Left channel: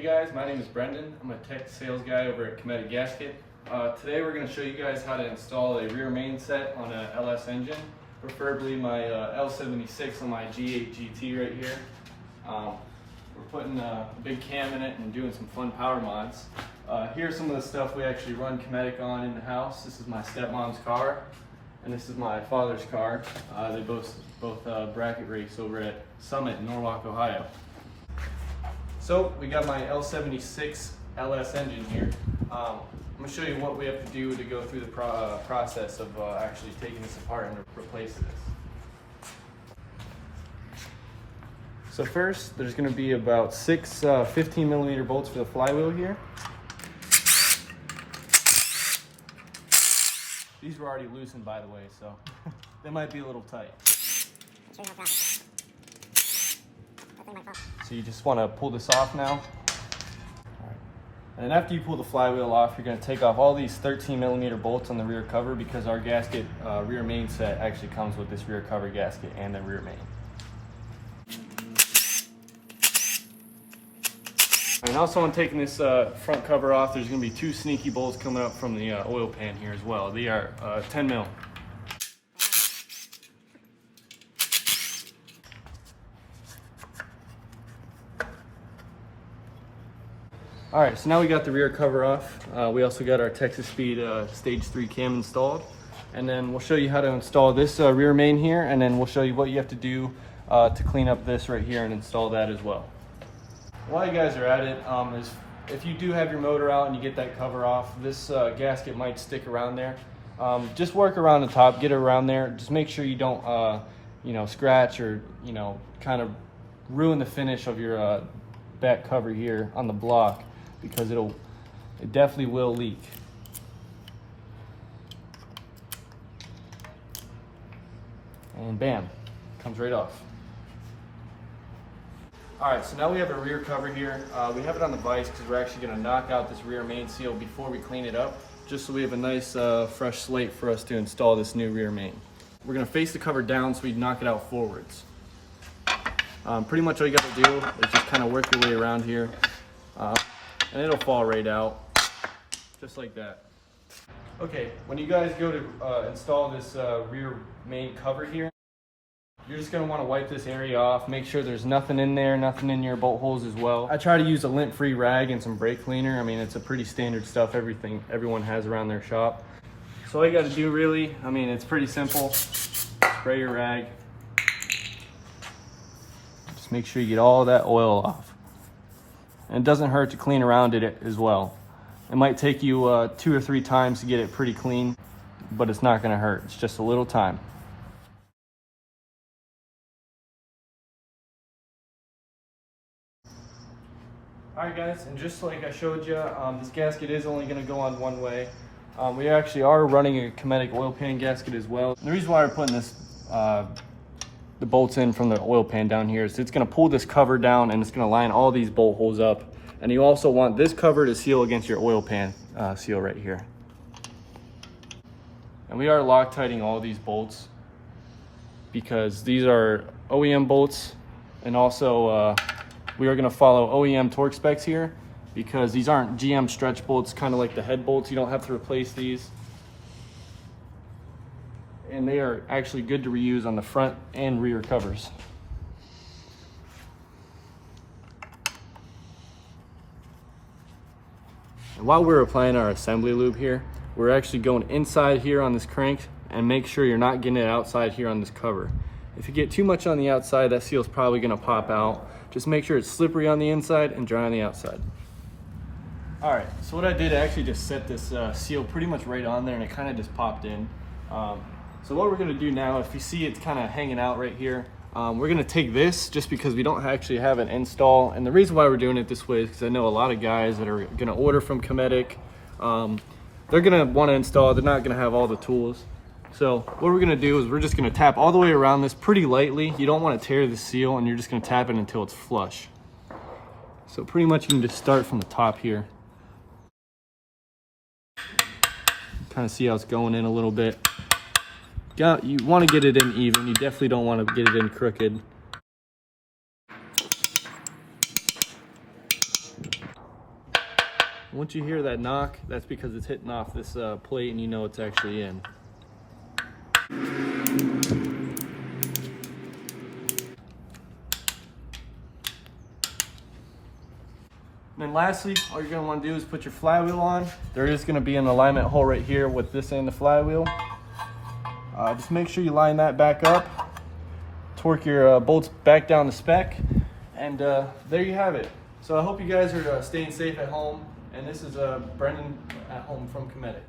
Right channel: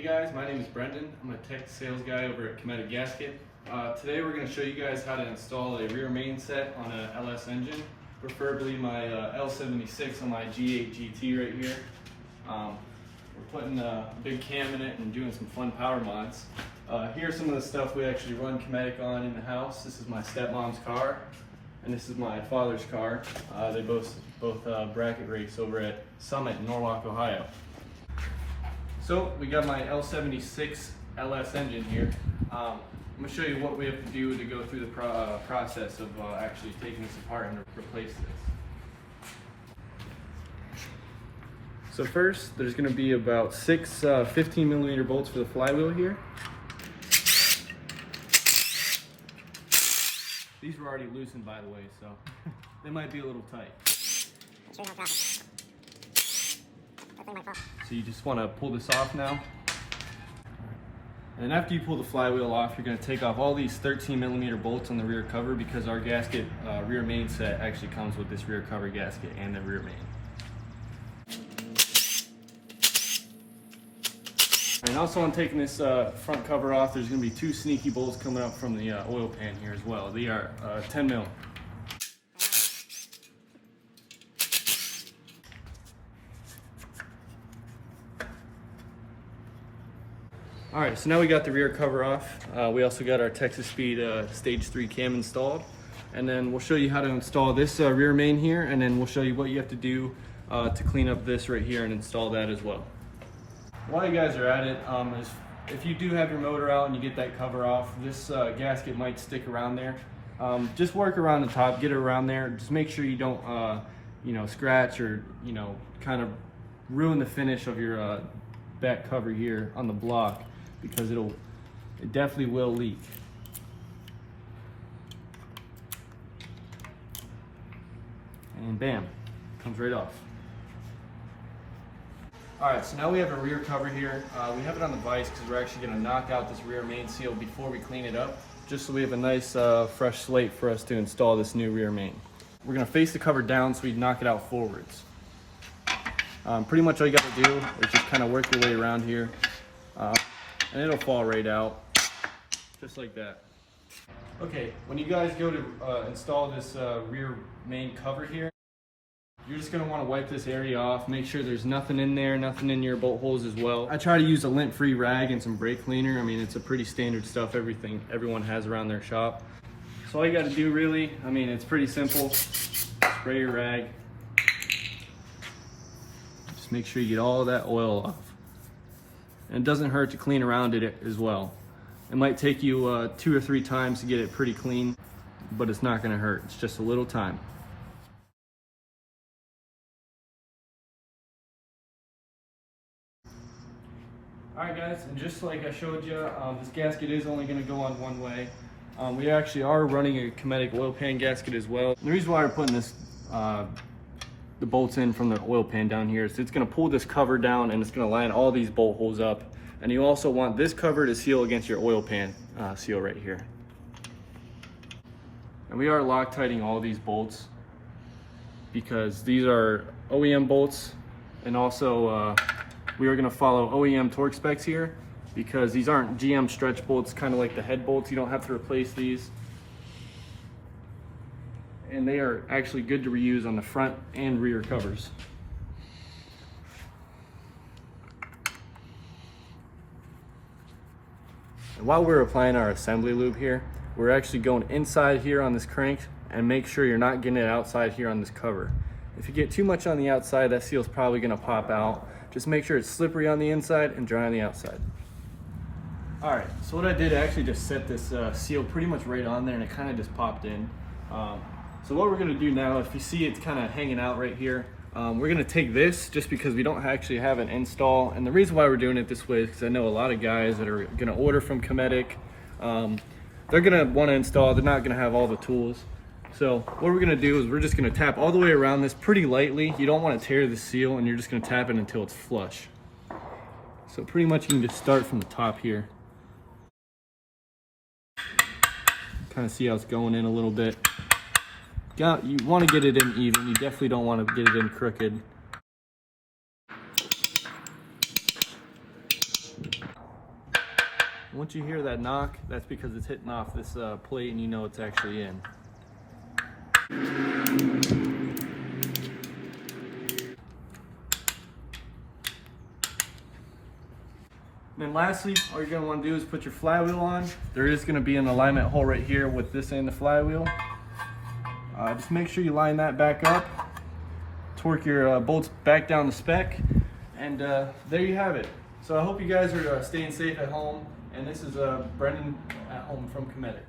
Hey guys, my name is Brendan. I'm a tech sales guy over at Cometic Gasket. Today we're going to show you guys how to install a rear main set on a LS engine, preferably my L76 on my G8 GT right here. We're putting a big cam in it and doing some fun power mods. Here's some of the stuff we actually run Cometic on in the house. This is my stepmom's car, and this is my father's car. They both bracket race over at Summit in Norwalk, Ohio. So we got my L76 LS engine here. I'm going to show you what we have to do to go through the process of actually taking this apart and replace this. So first, there's going to be about 6 15mm bolts for the flywheel here. These were already loosened, by the way, so they might be a little tight. So you just want to pull this off now. And after you pull the flywheel off, you're going to take off all these 13mm bolts on the rear cover, because our gasket rear main set actually comes with this rear cover gasket and the rear main. And also, on taking this front cover off, there's going to be 2 sneaky bolts coming up from the oil pan here as well. They are 10 mil. All right, so now we got the rear cover off. We also got our Texas Speed Stage 3 cam installed. And then we'll show you how to install this rear main here, and then we'll show you what you have to do to clean up this right here and install that as well. While you guys are at it, if you do have your motor out and you get that cover off, this gasket might stick around there. Just work around the top, get it around there. Just make sure you don't scratch or kind of ruin the finish of your back cover here on the block, because it definitely will leak. And bam, comes right off. All right, so now we have a rear cover here. We have it on the vise because we're actually going to knock out this rear main seal before we clean it up, just so we have a nice fresh slate for us to install this new rear main. We're going to face the cover down so we knock it out forwards. Pretty much all you got to do is just kind of work your way around here, and it'll fall right out, just like that. Okay, when you guys go to install this rear main cover here, you're just going to want to wipe this area off, make sure there's nothing in there, nothing in your bolt holes as well. I try to use a lint-free rag and some brake cleaner. I mean, it's a pretty standard stuff everyone has around their shop. So all you got to do really, I mean, it's pretty simple. Spray your rag. Just make sure you get all that oil off. And it doesn't hurt to clean around it as well. It might take you 2 or 3 times to get it pretty clean, but it's not going to hurt. It's just a little time. Alright guys, and just like I showed you, this gasket is only going to go on one way. We actually are running a Cometic oil pan gasket as well. And the reason why we're putting this, the bolts in from the oil pan down here, is it's going to pull this cover down and it's going to line all these bolt holes up. And you also want this cover to seal against your oil pan seal right here. And we are Loctiting all these bolts because these are OEM bolts, and also we are going to follow OEM torque specs here, because these aren't GM stretch bolts, kind of like the head bolts. You don't have to replace these. And they are actually good to reuse on the front and rear covers. And while we're applying our assembly lube here, we're actually going inside here on this crank, and make sure you're not getting it outside here on this cover. If you get too much on the outside, that seal's probably going to pop out. Just make sure it's slippery on the inside and dry on the outside. All right, so what I did, I actually just set this seal pretty much right on there, and it kind of just popped in. So what we're going to do now, if you see it's kind of hanging out right here, we're going to take this, just because we don't actually have an install. And the reason why we're doing it this way is because I know a lot of guys that are going to order from Cometic, they're going to want to install, they're not going to have all the tools. So what we're going to do is we're just going to tap all the way around this pretty lightly. You don't want to tear the seal, and you're just going to tap it until it's flush. So pretty much you can just start from the top here. Kind of see how it's going in a little bit. You want to get it in even. You definitely don't want to get it in crooked. Once you hear that knock, that's because it's hitting off this plate and you know it's actually in. And then lastly, all you're going to want to do is put your flywheel on. There is going to be an alignment hole right here with this end of the flywheel. Just make sure you line that back up. Torque your bolts back down the spec. And there you have it. So I hope you guys are staying safe at home. And this is Brendan at home from Cometic.